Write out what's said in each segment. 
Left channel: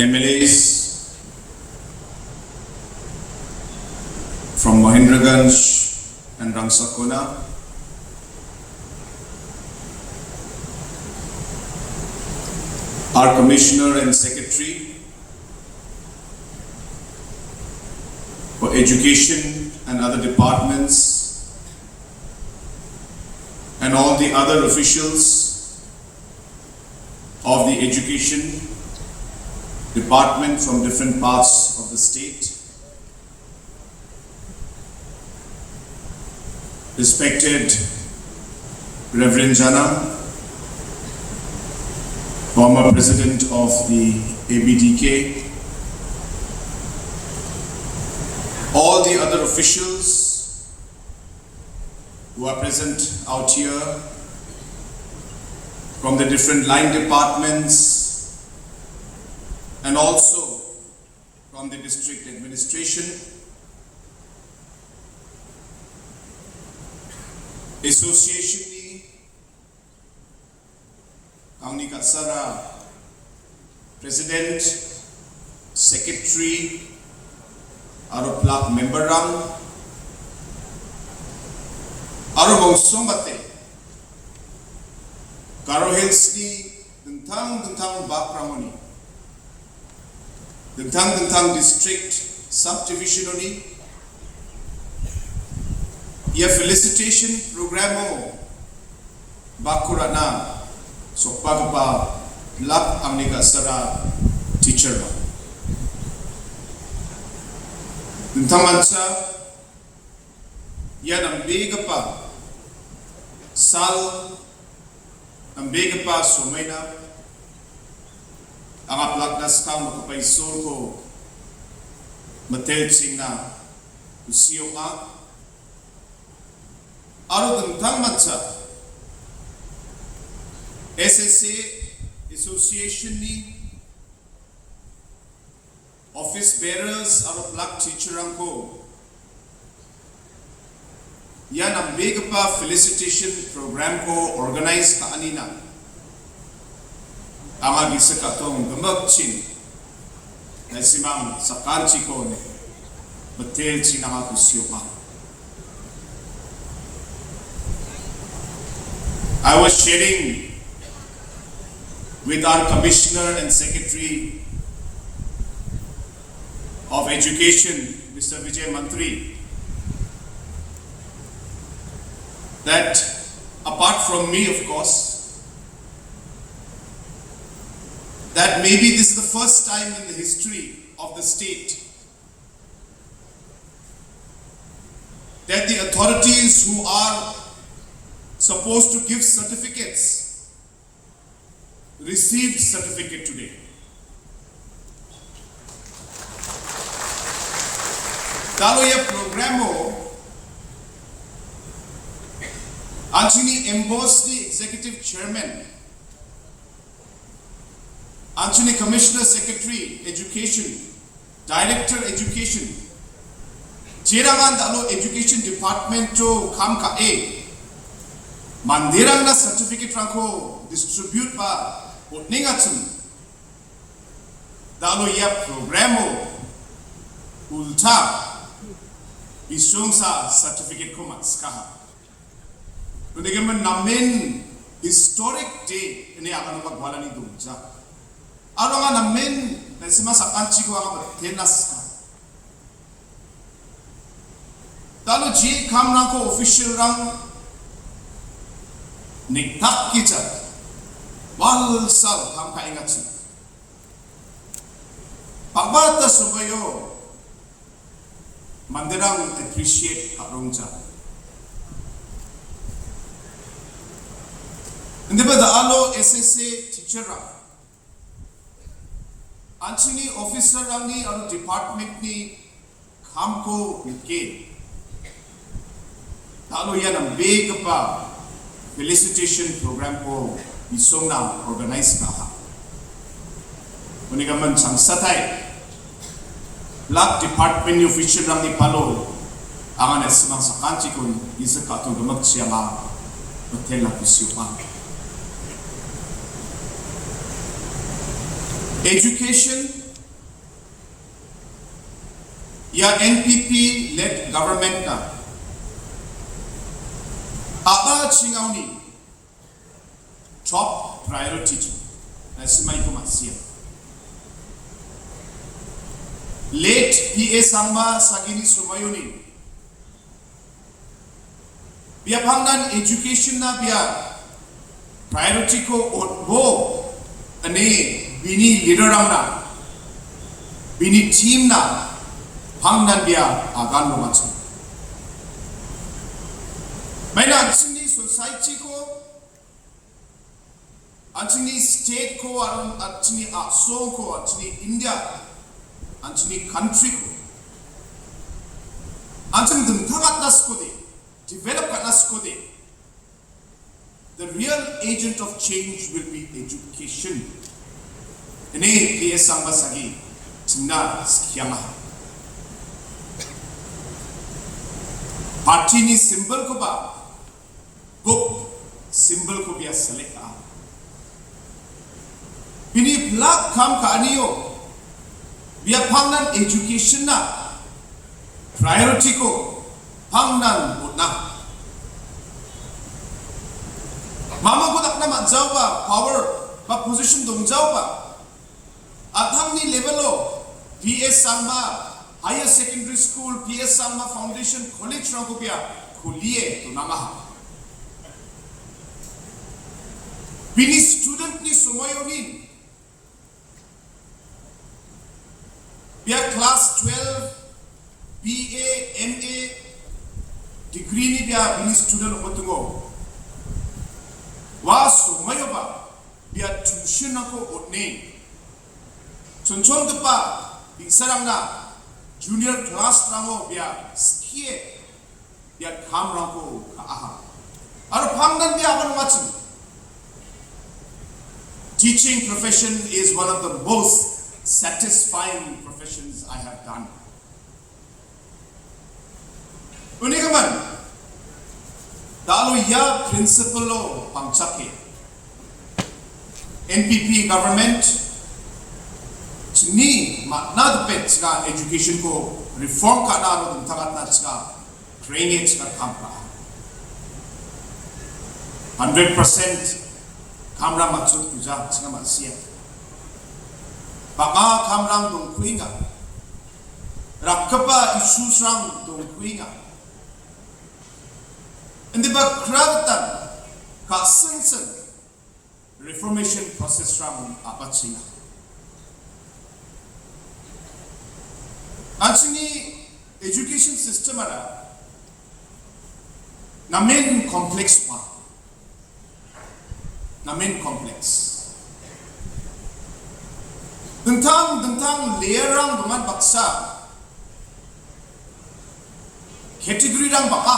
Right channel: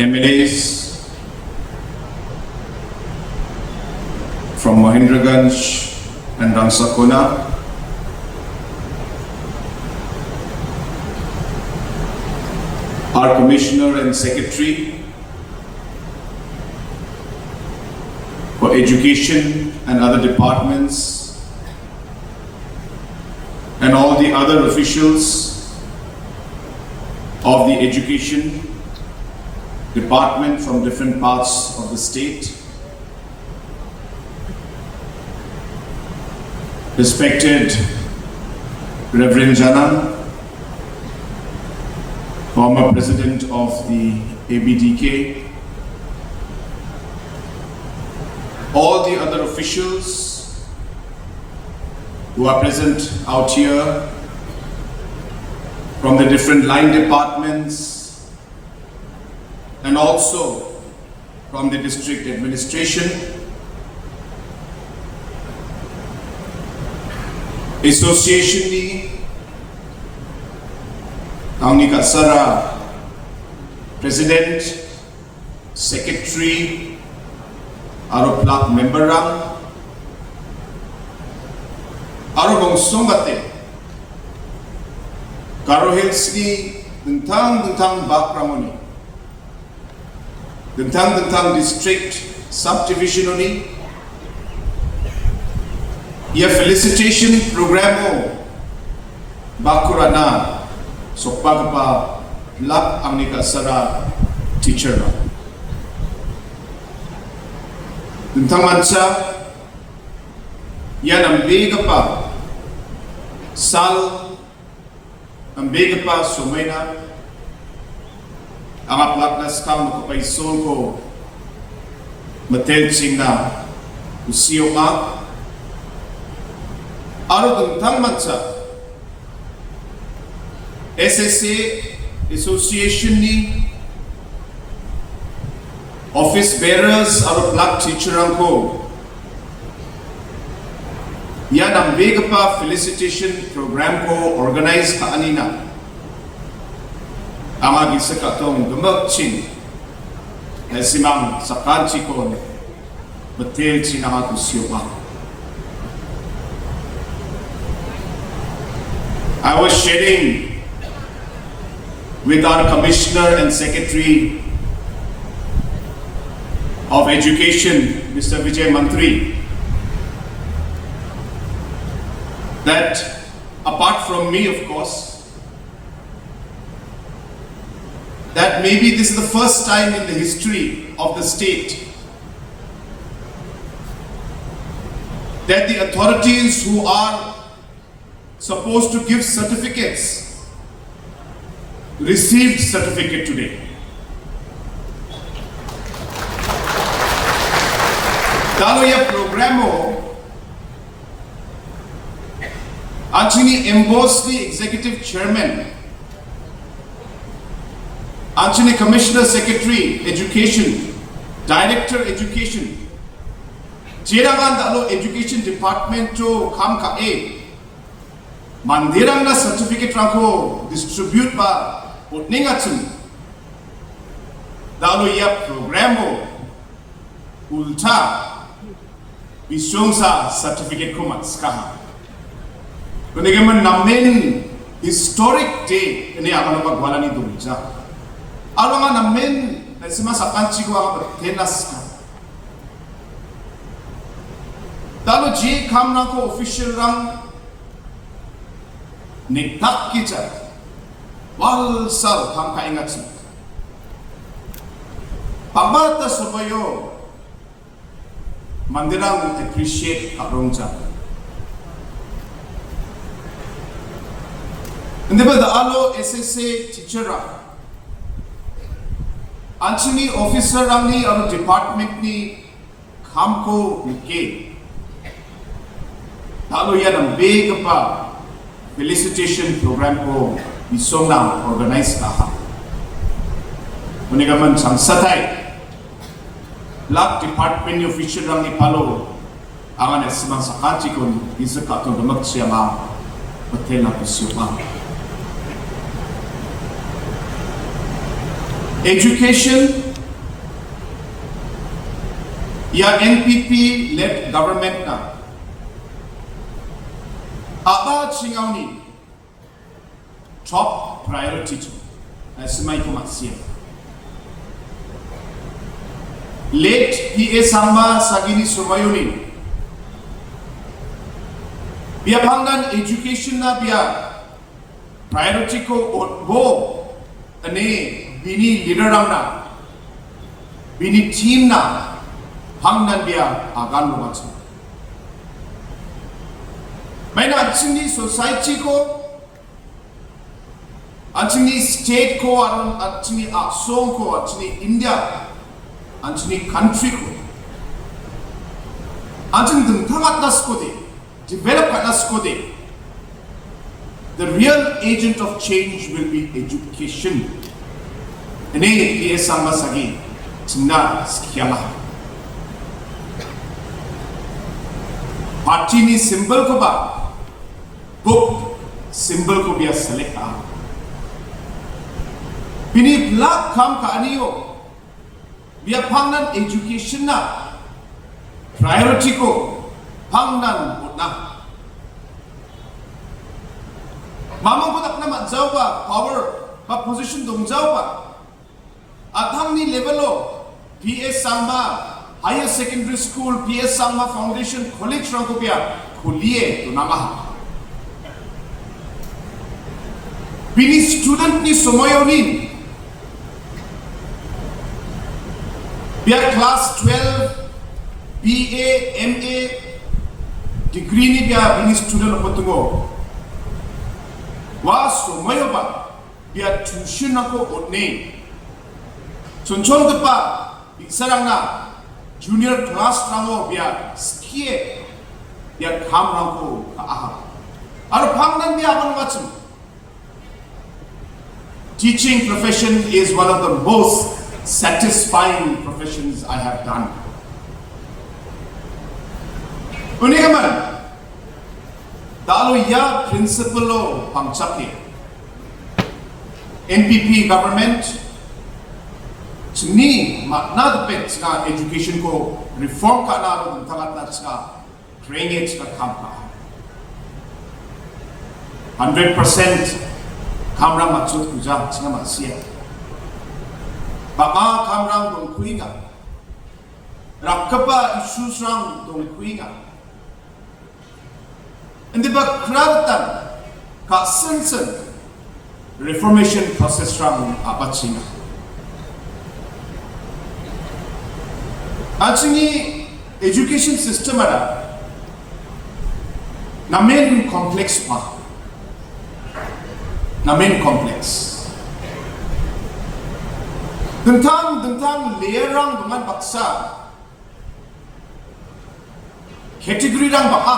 MLAs from Mahendraganj and Rangsakona, our Commissioner and Secretary for Education and other departments, and all the other officials of the Education Department from different parts of the state, respected Reverend Jana, former President of the ABDK, all the other officials who are present out here from the different line departments and also from the district administration, association ni Ongatna Sara, President, Secretary, aro plak member rang, aro bang sombate, karohils ni bentang bakramoni, bentang district subdivision ni, ia felicitation programo bakurana. So pagpa plak Ongatna Sara Teacherrangko. Tentang mansa yan ang biga pa sal ang biga pa sumayna ang aplak na skam makapaisol ko matelching na usiyo nga aro tentang mansa SSA Association ni Office Bearers aro plak Teacherrangko yan ang biga pa felicitation program ko organize ka anina ang agisa ka itong gumagching na simang sa kanchi ko matil sinang ako siyo pa. I was sharing with our Commissioner and Secretary of Education, Mr. Vijay Mantri, that apart from me, of course, that maybe this is the first time in the history of the state that the authorities who are supposed to give certificates received certificate today. Dalo ya programo actually embossed the executive chairman, actually Commissioner Secretary Education, Director Education, Jerangan dalo Education Department to kam ka mandirang na certificate rangko distribute ba utningatun dalo ya programo ulta isong sa certificate ko matskaha. Kunigaman namin historic day ini ako magwala ni Dulja. Aro nga namin na sima sa kanchi ko ako tenas ka. Dalo ji kam na ko Officerrang niktak kita walsal kang kaingat sa pabata subayo mandirang appreciate arong sa hindi ba daalo SSA Teacherrangko actually Officerrang ni ang department ni kamko nike daalo yan ang big pa felicitation program ko isong na organize ka. Kunigaman sang satay Lak department ni Officerrang ni Palo ang anas mang sa kanchi ko isa ka itong gamag siya nga hotel na kusyo pa. Education या NPP-led government na aba chingauni top priority tu na semai kemaksian. Late PA Samba sagini sumayunin biar pangan education na biar priority ko go ane bini leader na bini team na pangan biar agan macam. Mana acini society ko, acini state ko, acini asong ko, acini India, acini country ko, acini dengkarat nas ko de, develop nas ko de. The real agent of change will be education. Ini PA Samba sagi, cina sekialah. Parti ni simbol ko ba? Book simbol ko biar select ah. Bini belak kam ka aniyo. Biar pangan education na priority ko pangan na. Mama ko tak na matjaw ba power ba position dong jaw ba. Athang ni level lo PA Samba Higher Secondary School PS Sangma Foundation College Rangko pia kuliye tu nama. Bini student ni semuanya ni biar class 12 BA MA degree ni biar bini student apa tunggu. Wah semuanya ba biar tuition aku odne. Contoh tepa Officerrang na junior class rango biar skie biar kam rango kaah. Aru pangdan biar apa macam. Teaching profession is one of the most satisfying professions I have done. Unikaman, dalu ya principle lo pangcake. NPP government ni makna depend sa education ko reform ka na ng tamat na sa drainage ka kampa 100% kamra maksud kuja sa masya baka kamra dong kuinga rakapa issues rang dong kuinga hindi ba krautan ka sensen reformation process rang apat singa. Actually, education system ada namen complex pa, namen complex. Tentang layerang dengan baksa, category rang baka.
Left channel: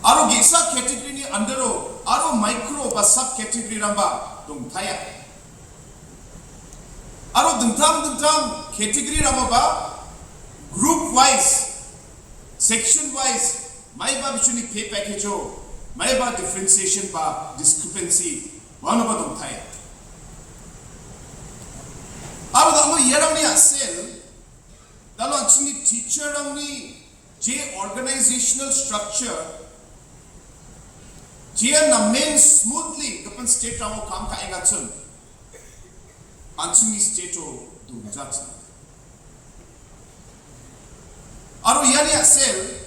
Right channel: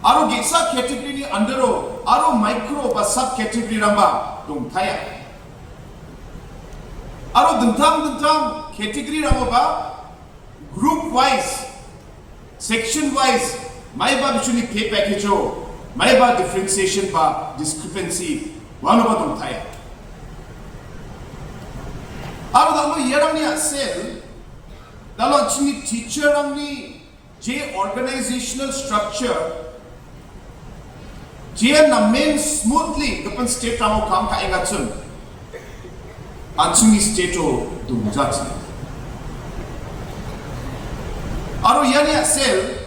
Aro gesa category ni undero, aro micro ba sub category rang ba dong thaya. Aro dentang category ramo ba group wise section wise mai ba bichuni pay package ho mai ba differentiation ba discrepancy wano ba dong thaya aro dalo yerang ni asel dalo chini teacher rang ni je organizational structure je na main smoothly kapan state ramo kam ka engatsun Ansungi stato dumjat. Aro yani asel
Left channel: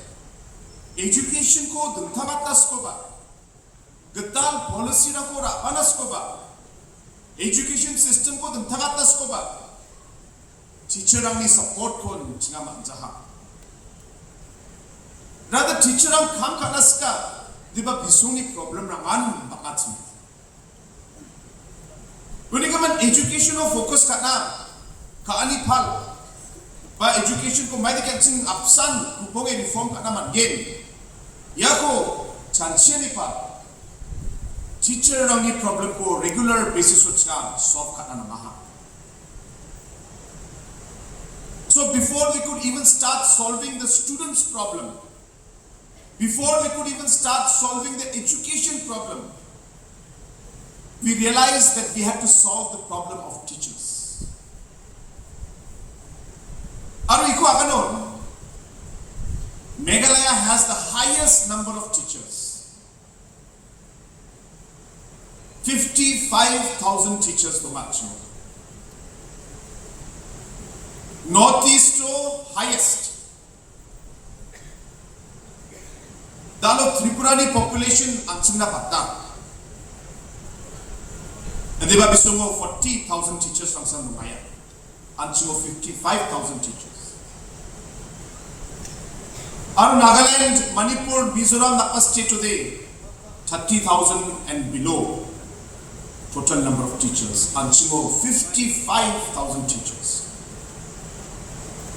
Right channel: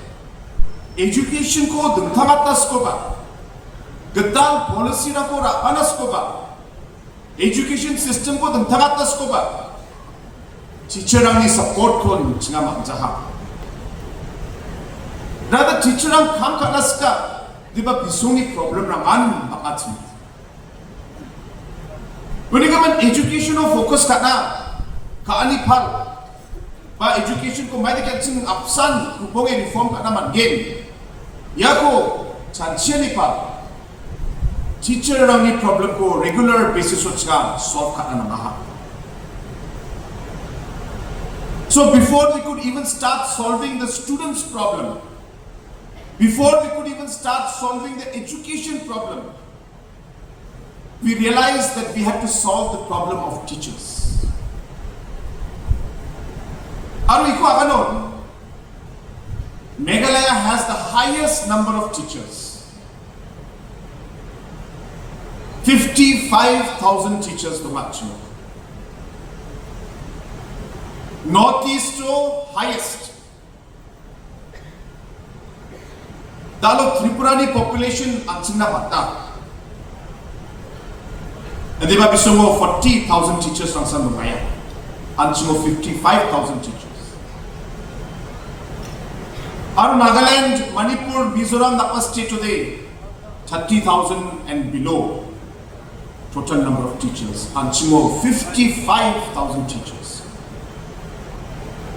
education ko dumthamatas ko ba. Gatal policy na ko rapanas ko ba. Education system ko dumthamatas ko ba. Teacherrang ni support ko chinga magjaha. Rather teacherrang kam kanas ka diba bisuni problem rangan bakati. Unikaman education o focus kana kaani pal ba education ko mai dekat sing apsan kubonge reform kana man game yako chanchiani pal teacher rang ni problem ko regular basis ochka solve kana na. So before we could even start solving the students problem, before we could even start solving the education problem, we realized that we had to solve the problem of teachers. Aru iko aganon, Meghalaya has the highest number of teachers. 55,000 teachers to match. Northeast highest. Dalo Tripurani population anchingna patta. Adiba bisungo 40,000 teachers from Sandumaya. Anchungo 55,000 teachers. Our Nagaland, Manipur, Mizoram, Napa state today, 30,000 and below total number of teachers. Anchungo 55,000 teachers.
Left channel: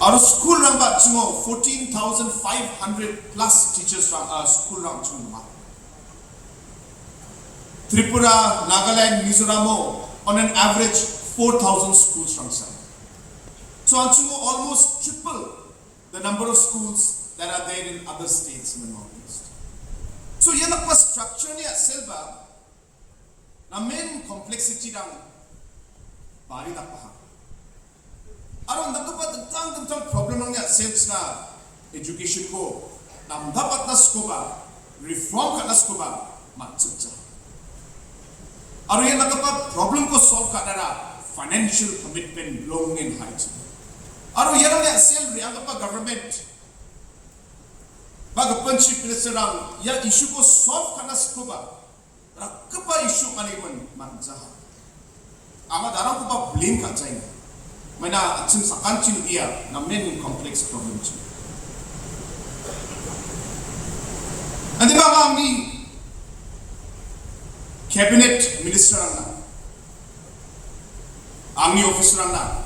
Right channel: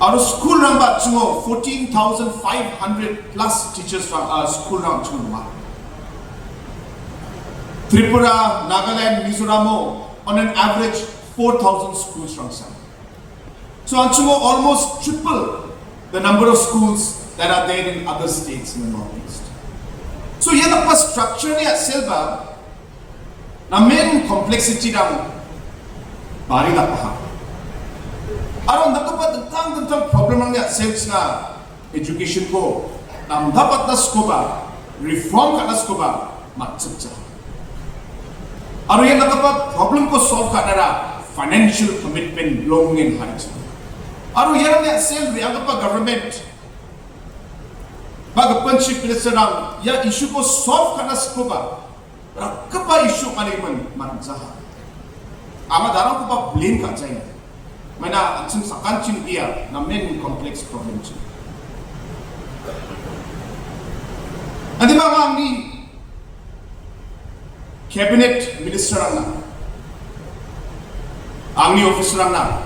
Our school number, 14,500 plus teachers from our school number. Tripura, Nagaland, Mizoram, on an average 4,000 schools from some. So Anchungo almost triple the number of schools that are there in other states in the northeast. So here the structure at Silva, the main complexity down Bari Lapaha. Aron dapat tentang problem ang sales na education ko, nam dapat na skoba, reform ka na skoba, matsutsa. Aron yan dapat problem ko solve ka na financial commitment long in height. Aron yan ang sales ang dapat government. Baga punchip minister ang ya issue ko solve ka na skoba, rakapa issue kaliman matsaha. Ama darang ko ba blame ka China. Mana atsing sakanchin dia na main complex problem chu. Andi ba ang ni cabinet minister ang ni officerrang na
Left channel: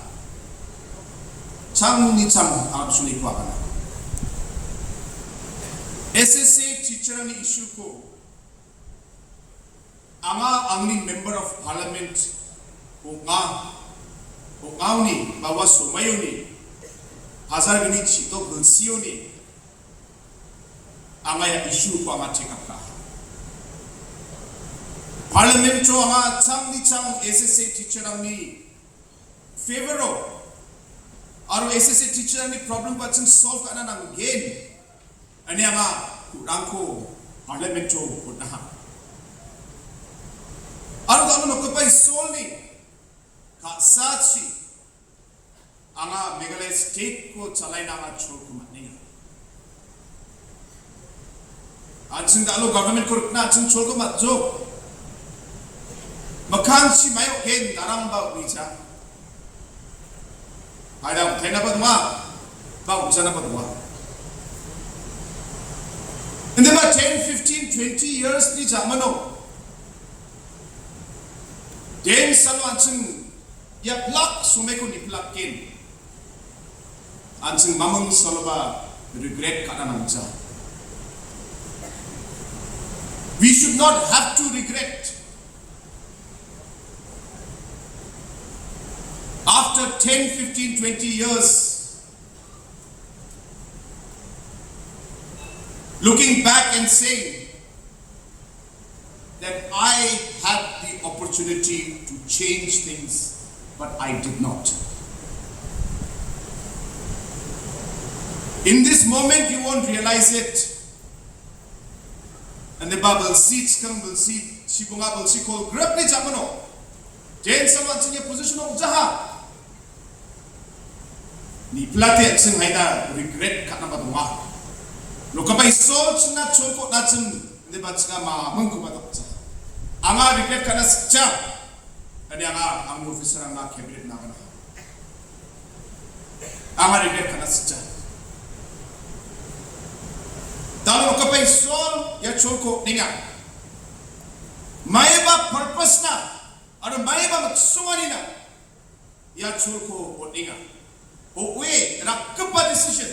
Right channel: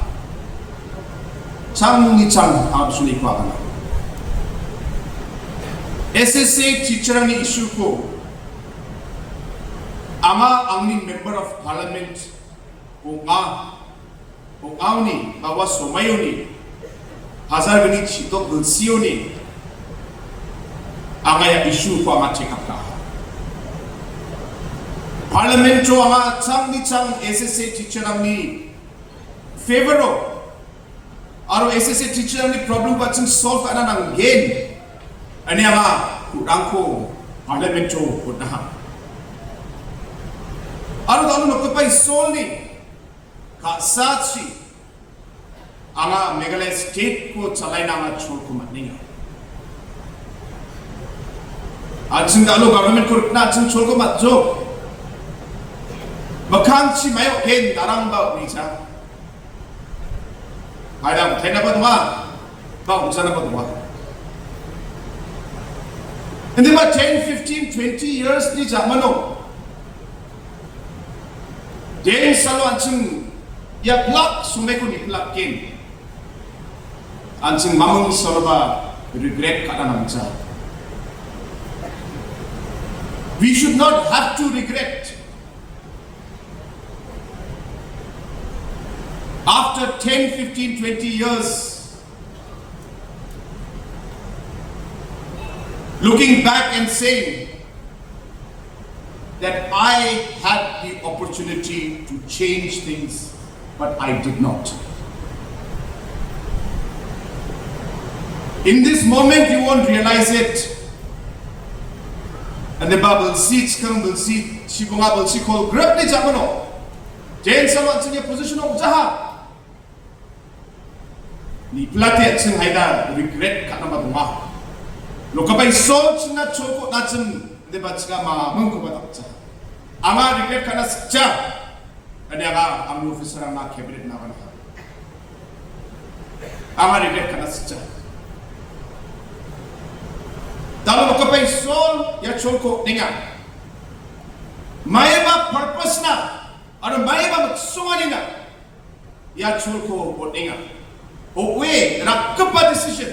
chang ni chang absuni ko kana. SSA teacherrang ni issue ko ama ang ni member of parliament Ongauni, bawa somayoni, hazar gani chito gulsioni, angaya issue ko ama check up ka. Parliament jo ama chang ni chang SSA teacherrang ni favoro, aro SSA teacherrang ni problem paching solve ana nang gain, ani ama kurangko Parliament jo kutah. Aro dalu magkapai solve ni. Saatsi, anga Meghalaya state ko chalai na nga chol ko matninga. Ajing dalo government ko rikna ajing chol ko matjo. Bakang si mayo gen darang ba uisa. Hayang tena ba duma, ba uisa na ba duma. Hindi ba 10, 15, 20 years ni jamano. Den salo ajing ya plak sumeku ni plakin. Anjing mamung solba regret kada namsa. We should not have to regret. After 10, 15, 20 years, looking back and saying that I had the opportunity to change things, but I did not. In this moment, you won't realize it. And the Bible seats come, will see, Shibunga will see called Grabni Jamano. Jane Saman's in a position of Jaha. Ni plate sing haida regret kanama. Lokabay souls na choko natin the batska ma mungkubatsa. Ama regret kana scha. Ada ang Officerrang na cabinet na kana. Ama regret kana scha. Dalo lokabay soul ya choko ninga. Maiba purpose na. Ano maiba magsumani na. Ya choko ninga. Okay, rakapa decision.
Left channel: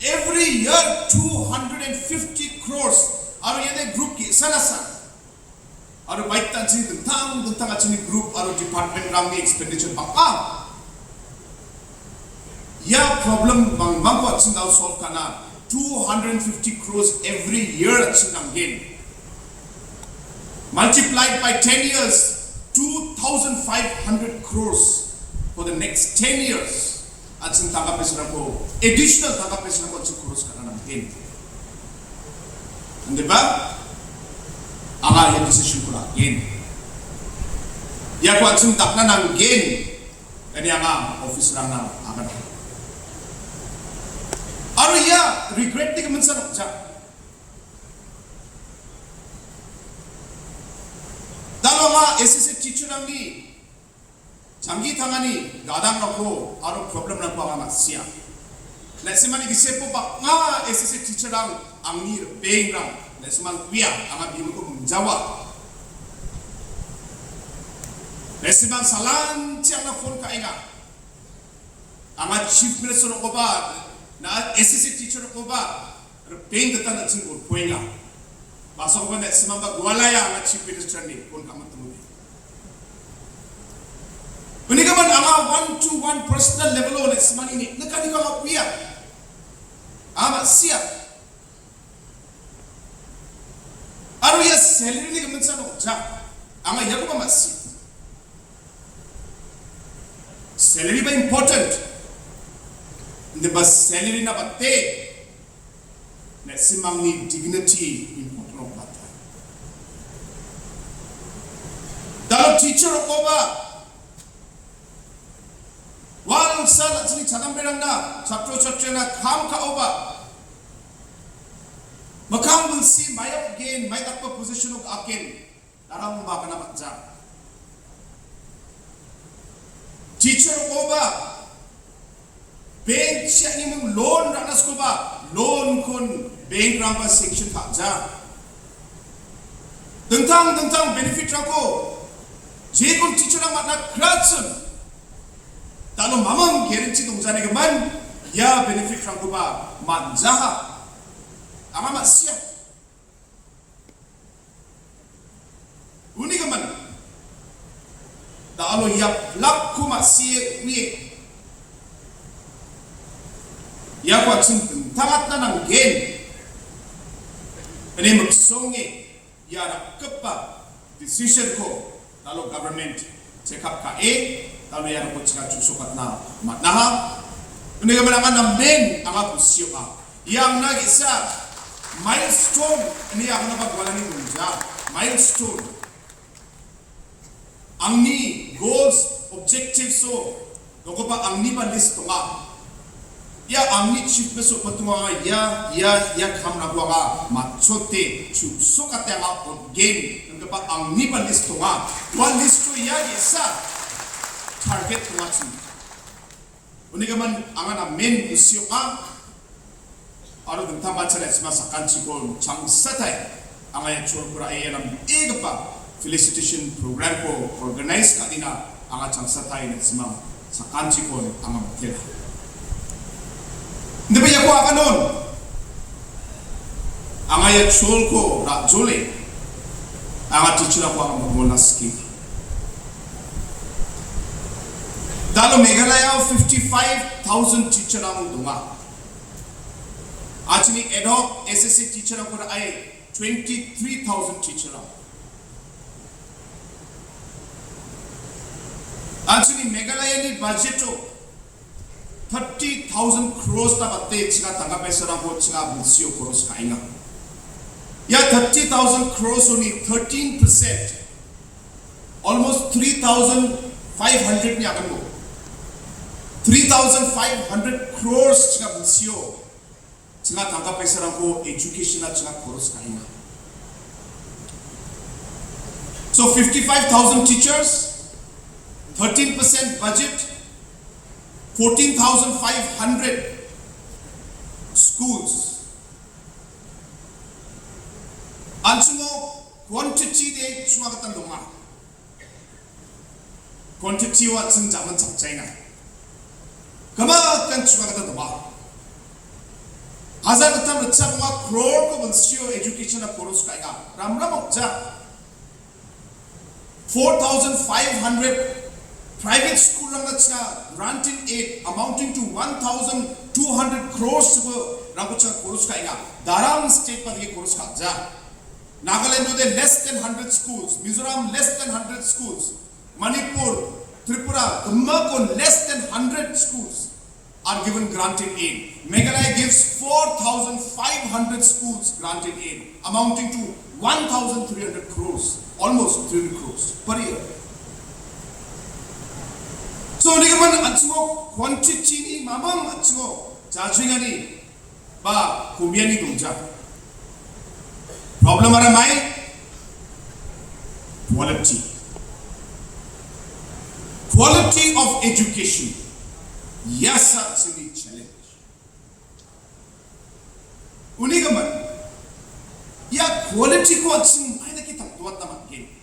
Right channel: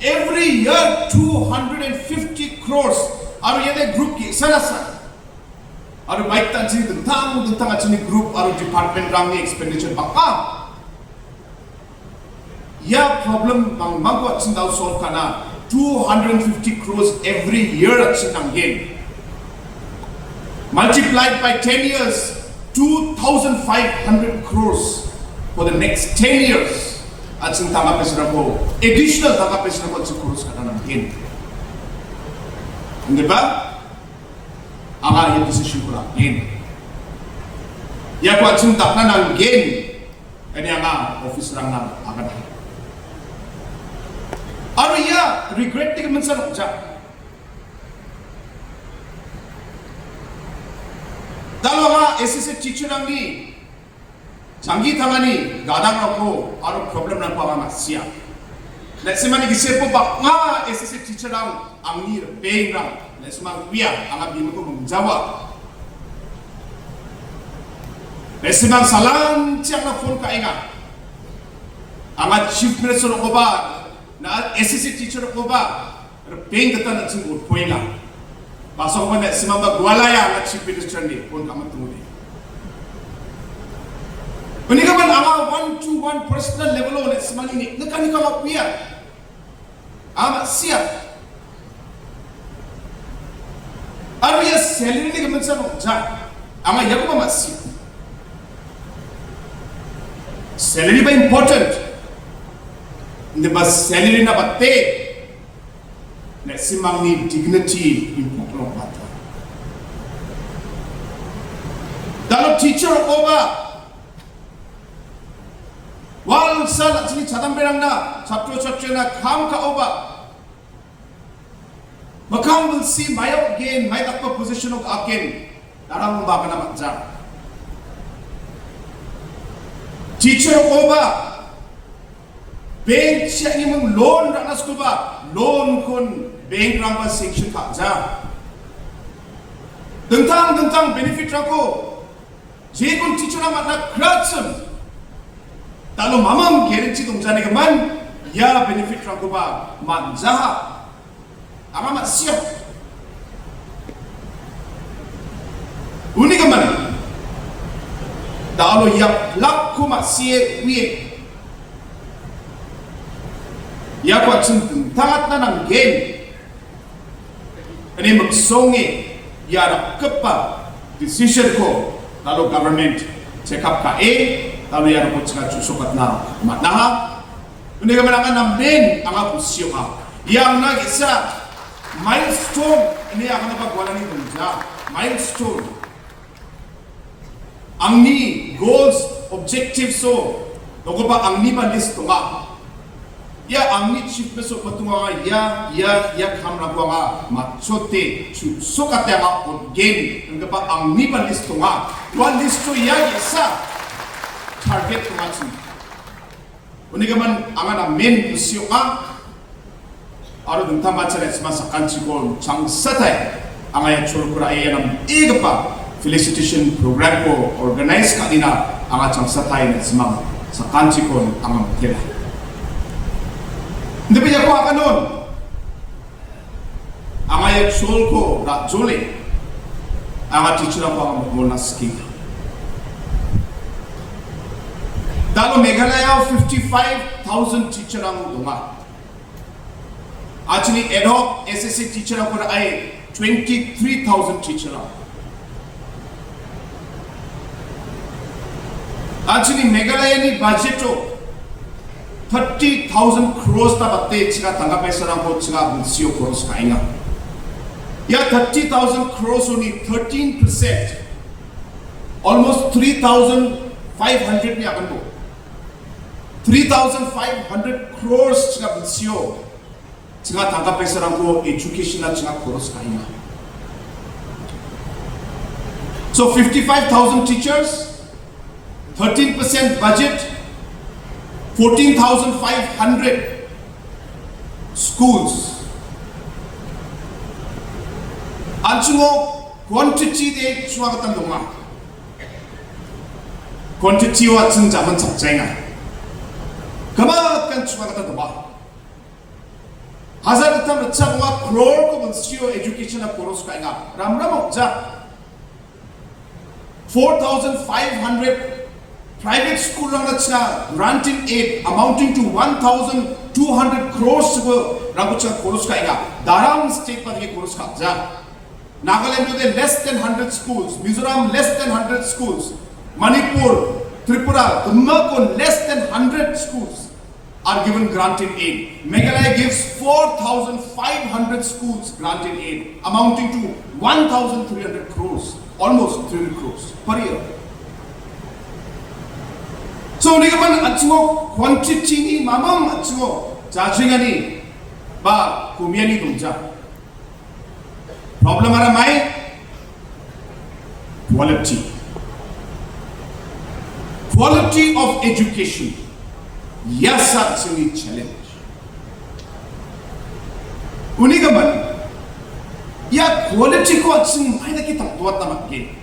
Every year 250 crores. Aru yede group ki sana. Aru baik tansi tentang acini group aru department rangi expenditure apa? Ya problem mangko acin daw solve kana 250 crores every year acin gain. Multiplied by 10 years, 2,500 crores. For the next 10 years, ating tangapesra ko additional tangapesra ko ating kurus ka na natin. Hindi ba? Ang yung decision ko lang. Ya ko ating takna ng gain kani ang Officerrang na akan. Aro ya regret di kaman sa nukja. Dalawa SSC Teacherrang ni 장기 당하니 가당하고 아로 프로블em ng pamamasya. Nasimani gisepo ba nga SSC Teacherrang ang ni pengrang nasimang kuya ang abin ko mengjawa. Nasimang salang tiang na phone ka inga. Ang chief minister ko ba na SSC teacher ko ba peng kata na sing urpoy nga. Baso ko na nasimang bagwalaya na chief minister ni phone ka matunguli. Kung ka man ang 1-to-1 personal level ulit sa manini, nakani ka makuya. Ama siya. Ano yung salary ni kaman sa mga ama yaku ba masya. Salary ba important? Hindi ba salary na bate? Nasimang ni dignity important ba? Dalo teacher ko ba? Wal sa sini cadang berang na chapter na kam ka oba makam will see my again my takpa position of akin darang ba ka na matja teacher oba bank siya ni mong loan ranas ko ba loan kun bank ramba section ka ja dentang benefit rako je kun teacher na matna kratsum Talo mamam guarantee 동자네 그만 ya benefit rangko ba manjaha ama masya uni kaman talo ya lakku masye wiye ya ko atin tangat na ng gain ani magsonge ya rakpa decision ko talo government check up ka Talo yan ako tsaka susukat na matnaha. Hindi ka manangan ng main ang apusyo ka. Yang nag-isa, milestone, ini akan napagwala ni Conrad. Milestone. Ang ni goals, objectives so, loko ba ang ni listo nga. Ya ang ni chief peso patunga nga, ya kamna ko nga, matsote, susukat ya nga gain, nga ba ang ni listo nga. One listo ya isa. Target ko nga siya. Kung man ang na main issue nga, aro dun tama sa sa kanchi ko chang satay ang ay chol ko ay ang iga pa felicitation program ko organize ka dina ang chang satay na sa kanchi ko ang tira. Hindi ba ako akanon? Ang ay chol ko na juli ang teacher ko ang magmulas kita. Dalo Meghalaya 55,000 teacher ang dunga. Actually, ad hoc SSC teacher ang ay 23,000 teacher ang. Actually, Meghalaya ni budget o 30,000 crores na batte sika tanggapay sa rangko sika bunsyo crores kainga. Ya 30,000 crores only 13%. Almost 3,500 niya kan mo. 3,500 crores chiga bunsyo chiga tanggapay sa rangko education na chiga crores kainga. So 55,000 teachers, 13% budget, 14,500 schools. Ansungo quantity de suwagatan dunga. Quantity wa chung jaman chapjainga. Kamakan suwagatan dunga. Hazar katam rachapwa crore ko bunsyo education na crores kainga. Ramram opja 4,500 private school lang na siya granting aid amounting to 1,200 crores rago siya crores kainga. Darang state pa di crores kaja. Nagaland with less than 100 schools, Mizoram less than 100 schools, Manipur, Tripura, Ummako less than 100 schools. are given granted aid. Meghalaya gives 4,500 schools granted aid, amounting to 1,300 crores, almost 300 crores per year. So, nigaman atsungo quantity ni mamam atsungo jajingani ba kumiani dumja. Problem are my quality. Quality of education. Yes, actually challenge. Unigaman, ya quality ko atsing maida ki tapwat na matgin.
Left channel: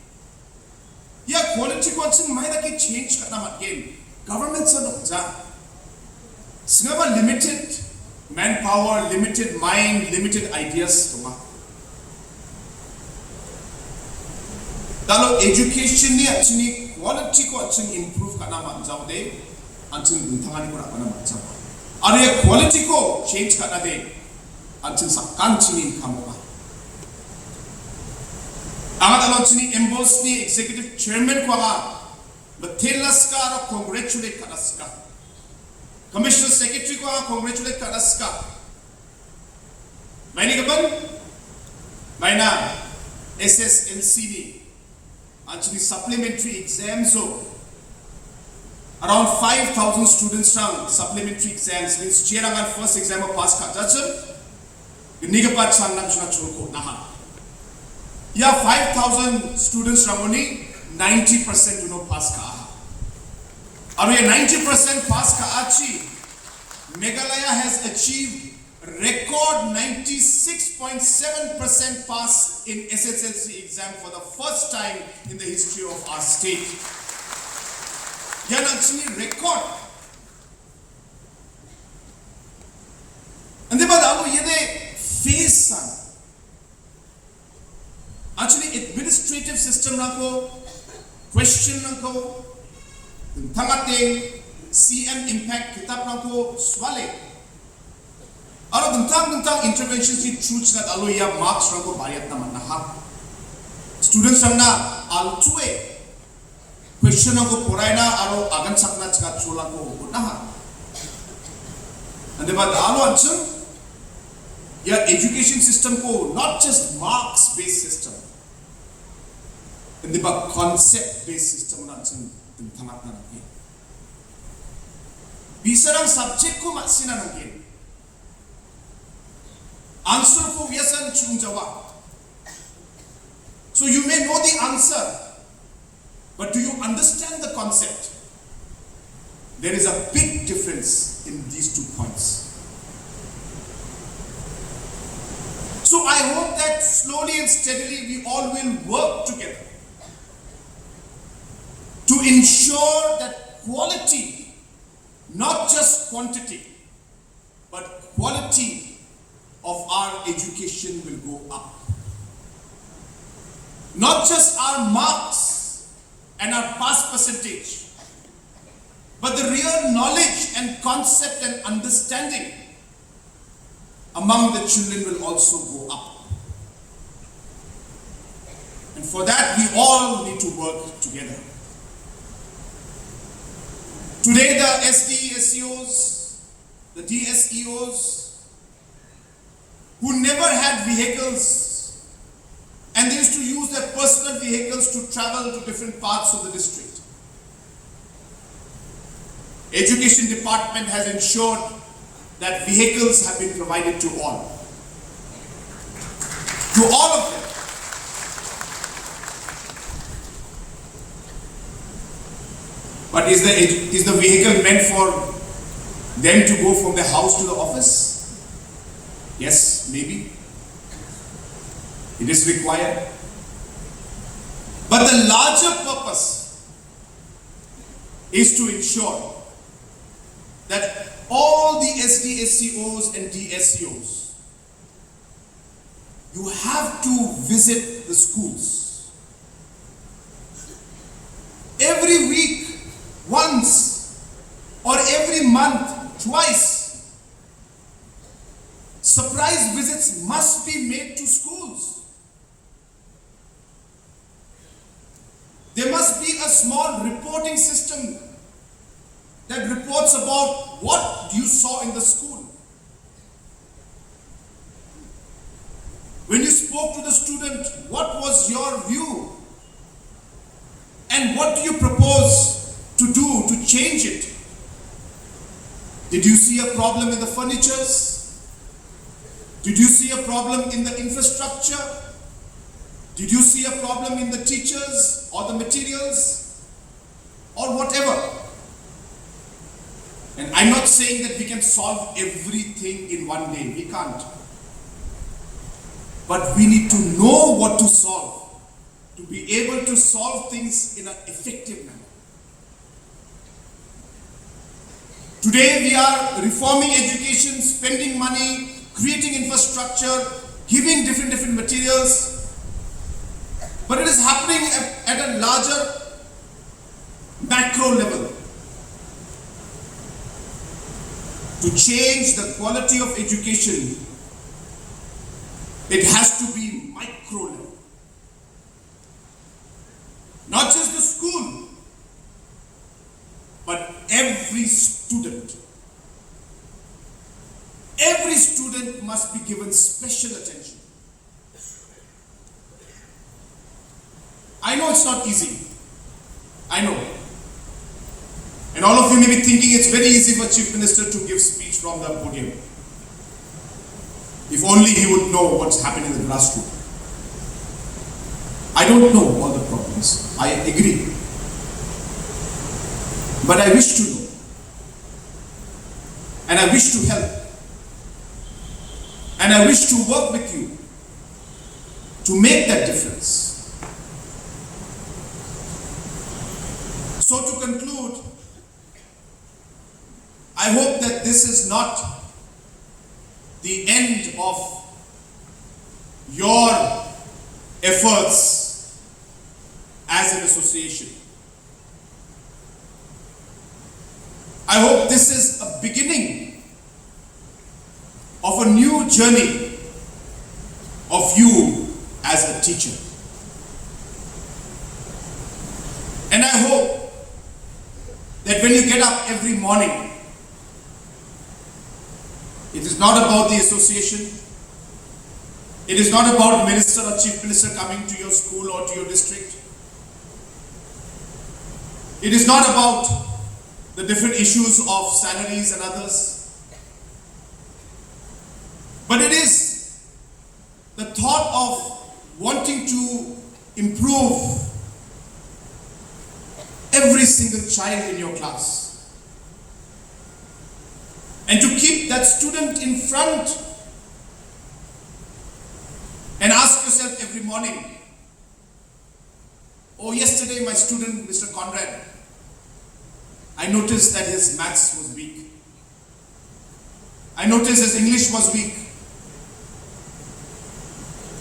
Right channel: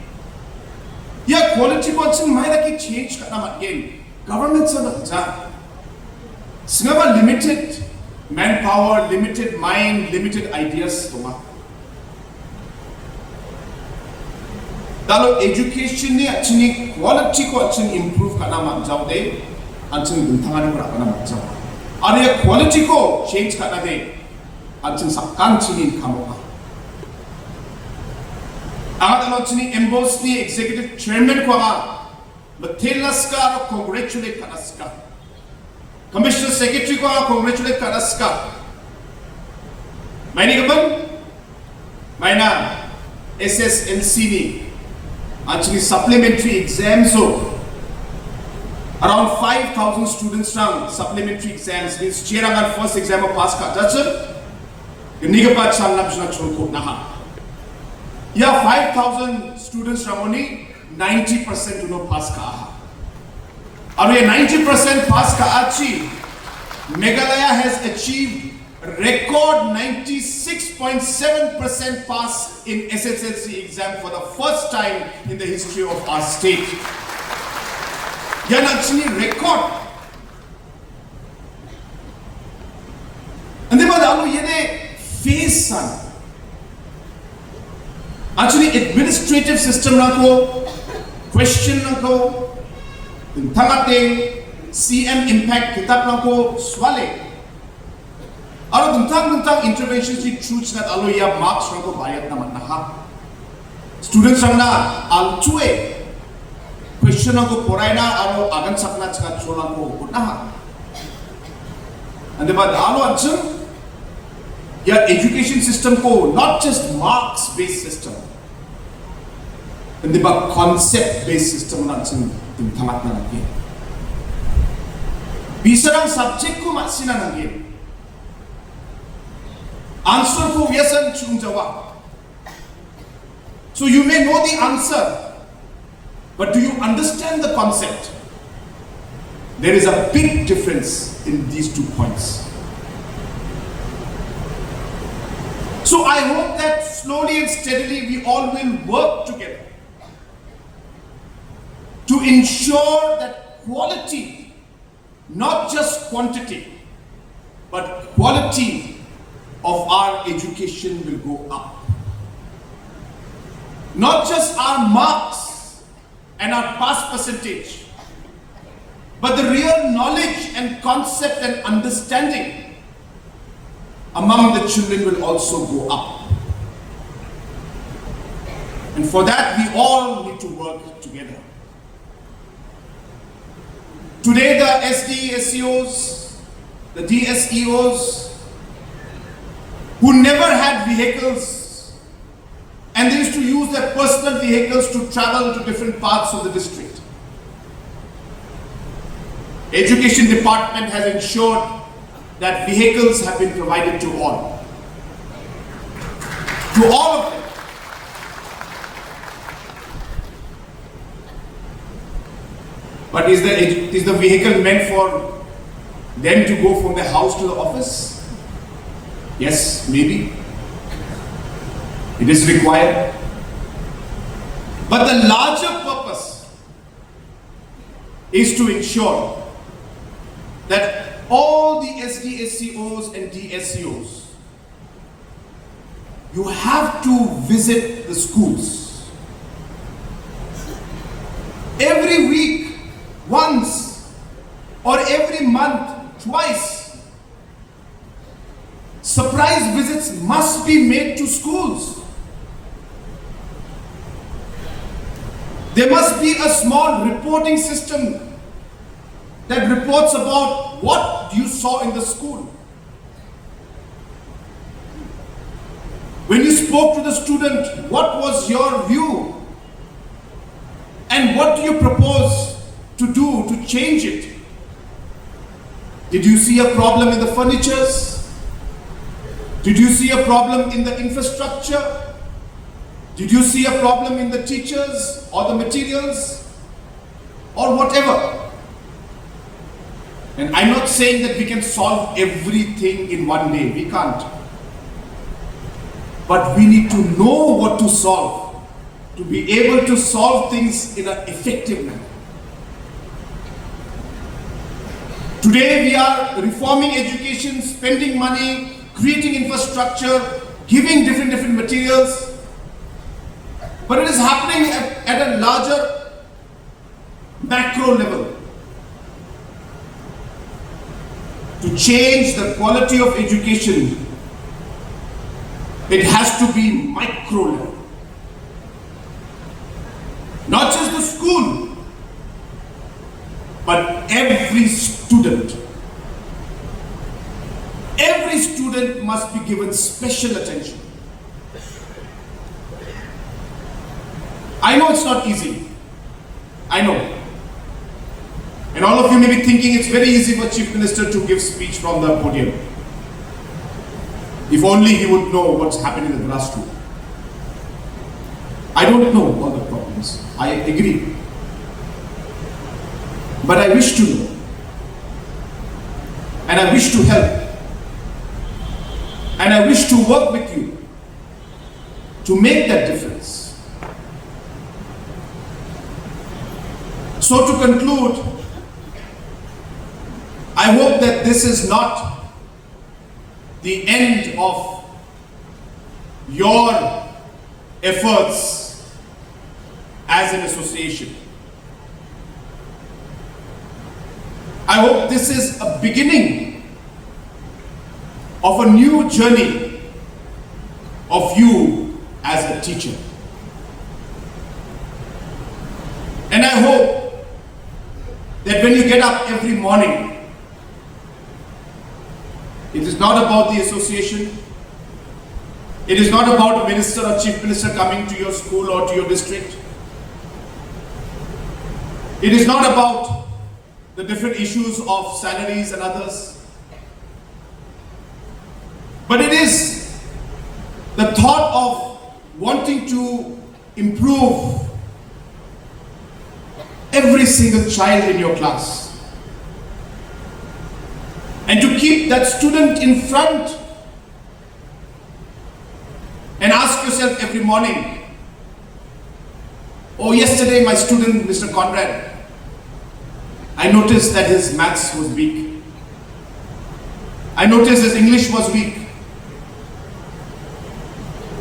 Ya quality ko atsing maida ki change ka na matgin. Government sa matja. Singaba limited manpower, limited mind, limited ideas tuma. Dalo education ni actually quality ko actually improve ka na matjaw de. Anjing bintangani pura kana macam. Ada quality ko change kana de. Anjing sakkan cini kamu. Angat alo cini emboss ni executive chairman ko aga. Betelas ka aro congratulate kanas ka. Commissioner secretary ko aga congratulate kanas ka. Maini kapan? Maina SSLC ni. Anjing supplementary exams so. Around 5,000 students rang supplementary exams means Teacherrangko first exam pass ka judge nigapat sang napsna chulko naha. Ya 5,000 students rang only 90% do not pass ka. Aru ye 90% pass ka achi Meghalaya has achieved record 96.7% pass in SSLC exam for the first time in the history of our state. Yan actually record. And then badalu yene face san. Actually administrative system nako question nako tangate CM impact kitab nako swale. Alo tentang interventions di truths nat alo ya marks nako bayat naman naha. Students rangna altue question ko poraina aro agan sapna chaka chola ko kunna and the alo answer ya education system ko not just marks based system and the concept based system na chung thamat na lagi bisarang subject ko masina nangin answer ko yasan chung jawab so you may know the answer. But do you understand the concept? There is a big difference in these 2 points. So I hope that slowly and steadily we all will work together to ensure that quality, not just quantity, but quality of our education will go up. Not just our marks and our pass percentage, but the real knowledge and concept and understanding among the children will also go up. And for that, we all need to work together. Today, the SDSEOs, the DSEOs, who never had vehicles, and they used to use their personal vehicles to travel to different parts of the district. Education department has ensured that vehicles have been provided to all. To all of them. But is the vehicle meant for them to go from the house to the office? Yes, maybe. It is required. But the larger purpose is to ensure that all the SDSCOs and DSCOs, you have to visit the schools. Every week, once, or every month, twice. Surprise visits must be made to schools. There must be a small reporting system that reports about what you saw in the school. When you spoke to the student, what was your view? And what do you propose to do to change it? Did you see a problem in the furnitures? Did you see a problem in the infrastructure? Did you see a problem in the teachers or the materials or whatever? And I'm not saying that we can solve everything in one day. We can't. But we need to know what to solve, to be able to solve things in an effective manner. Today we are reforming education, spending money, creating infrastructure, giving different materials. But it is happening at a larger macro level. To change the quality of education, it has to be micro level. Not just the school, but every student. Every student must be given special attention. I know it's not easy. I know. And all of you may be thinking it's very easy for Chief Minister to give speech from the podium. If only he would know what's happening in the grassroots. I don't know all the problems. I agree. But I wish to know. And I wish to help. And I wish to work with you to make that difference. So to conclude, I hope that this is not the end of your efforts as an association. I hope this is a beginning of a new journey of you as a teacher. And I hope that when you get up every morning, it is not about the association. It is not about a minister or chief minister coming to your school or to your district. It is not about the different issues of salaries and others. But it is the thought of wanting to improve every single child in your class. And to keep that student in front and ask yourself every morning, oh, yesterday my student, Mr. Conrad, I noticed that his maths was weak. I noticed his English was weak.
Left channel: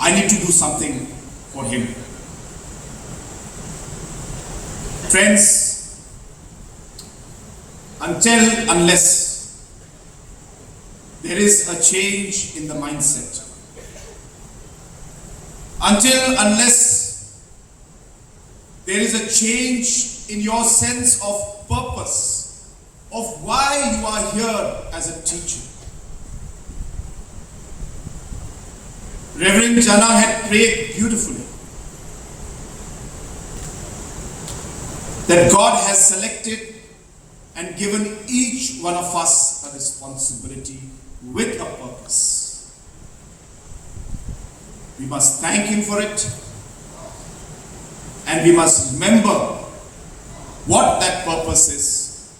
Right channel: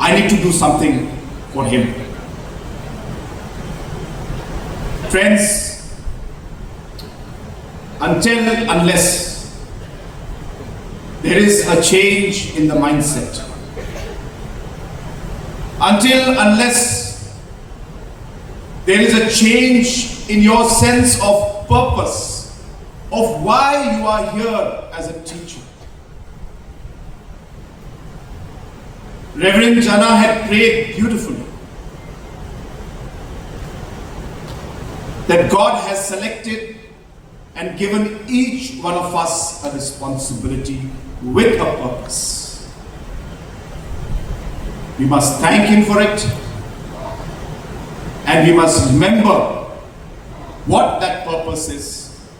I need to do something for him. Friends, unless there is a change in the mindset, unless there is a change in your sense of purpose, of why you are here as a teacher. Reverend Jana had prayed beautifully that God has selected and given each one of us a responsibility with a purpose. We must thank Him for it, and we must remember what that purpose is.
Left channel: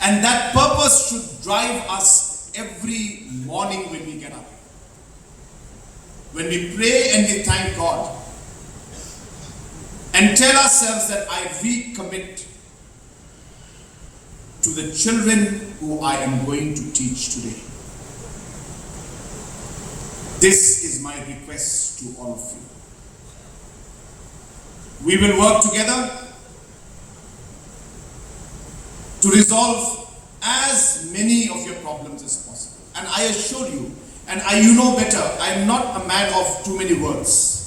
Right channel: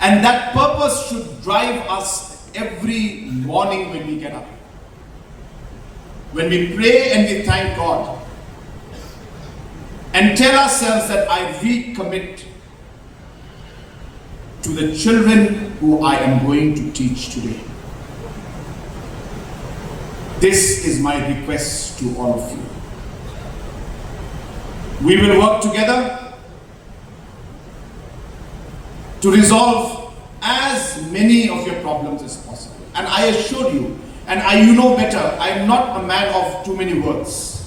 And that purpose should drive us every morning when we get up. When we pray and we thank God and tell ourselves that I recommit to the children who I am going to teach today. This is my request to all of you. We will work together to resolve as many of your problems as possible. And I assure you, and you know better, I am not a man of too many words.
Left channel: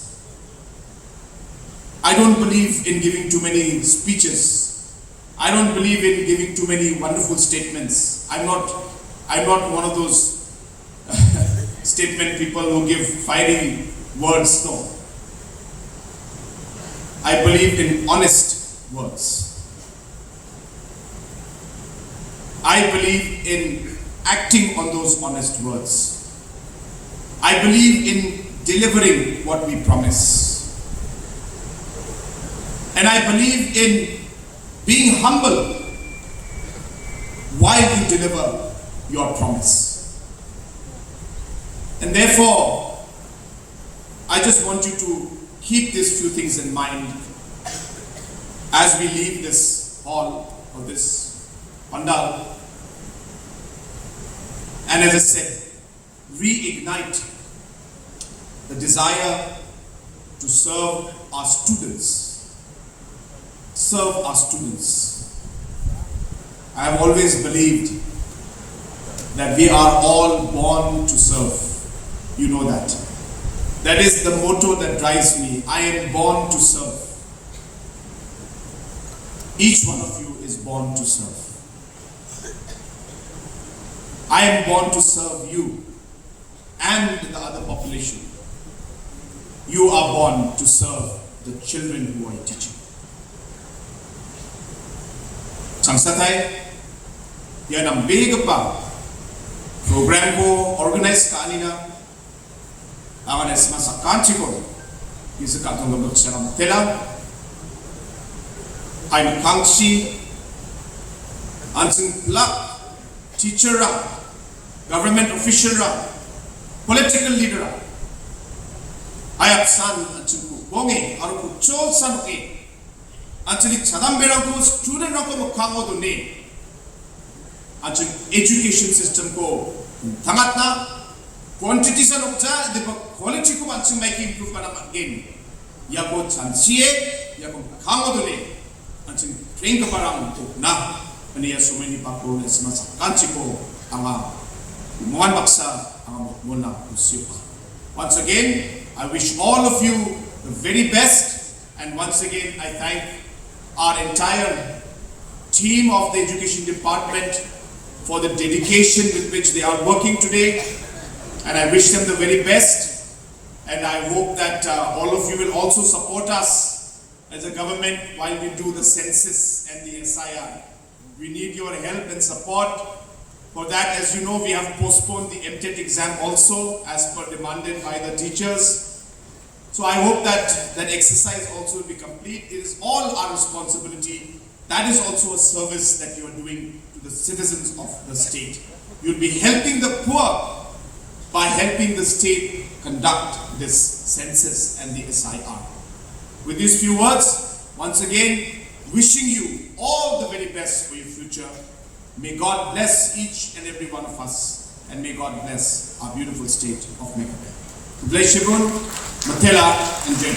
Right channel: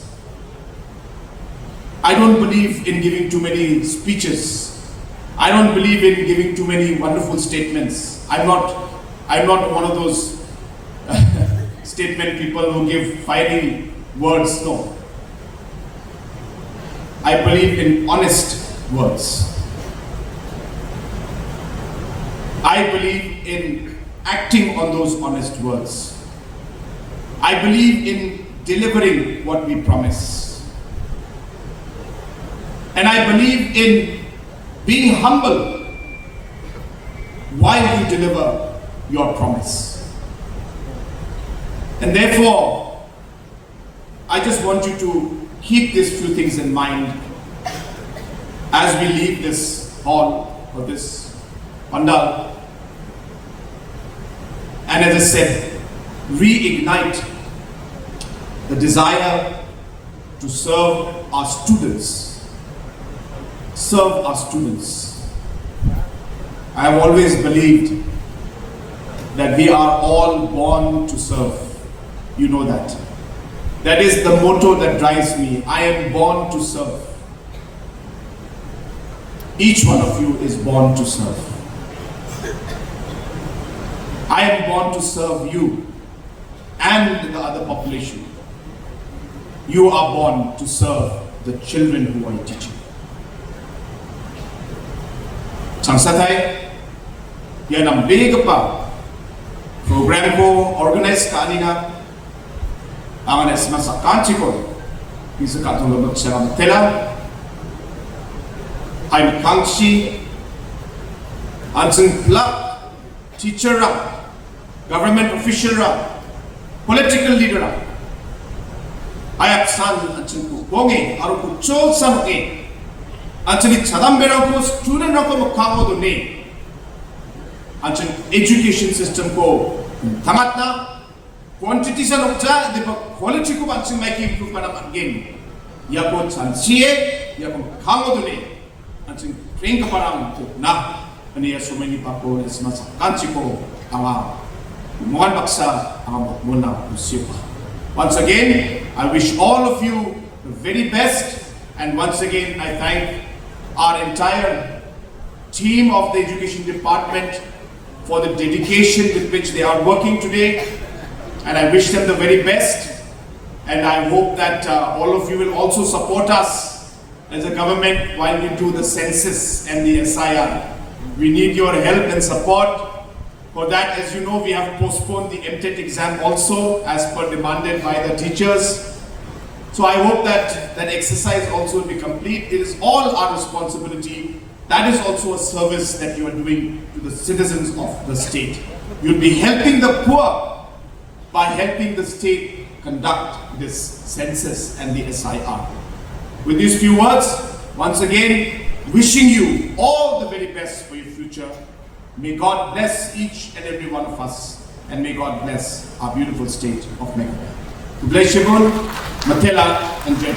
I don't believe in giving too many speeches. I don't believe in giving too many wonderful statements. I'm not one of those statement people who give fiery words, no. I believe in honest words. I believe in acting on those honest words. I believe in delivering what we promise. And I believe in being humble while you deliver your promise. And therefore, I just want you to keep these few things in mind as we leave this hall or this pandal. And as I said, reignite the desire to serve our students. Serve our students. I have always believed that we are all born to serve. You know that. That is the motto that drives me. I am born to serve. Each one of you is born to serve. I am born to serve you and the other population. You are born to serve the children who are teaching. Sangsatai, yan ang big pa program ko organize kanina ang sa kanchi ko isa katulong sa tela I'm kangshi anseng plak teacherrang government officerrang political leaderrang ayat san anseng ko bongi aru ko chol san ke actually chadamberang ko student rako makamo do ne actually education system ko Ongatna quantity sa nokja de quality ko actually make improve kana again ya ko chansie ya ko makamo do ne actually train ko parang ko na ani ya so many pa ko is mas kanchi ko ama mohon baksa ama mona usipa. Once again I wish all of you the very best, and once again I thank our entire team of the education department for the dedication with which they are working today, and I wish them the very best, and I hope that all of you will also support us as a government while we do the census and the SIR. We need your help and support. For that, as you know, we have postponed the MTET exam also as per demanded by the teachers. So I hope that that exercise also will be complete. It is all our responsibility. That is also a service that you are doing to the citizens of the state. You'll be helping the poor by helping the state conduct this census and the SIR. With these few words, once again, wishing you all the very best for your future. May God bless each and every one of us, and may God bless our beautiful state of Meghalaya. Bless you all, Matela and Jai.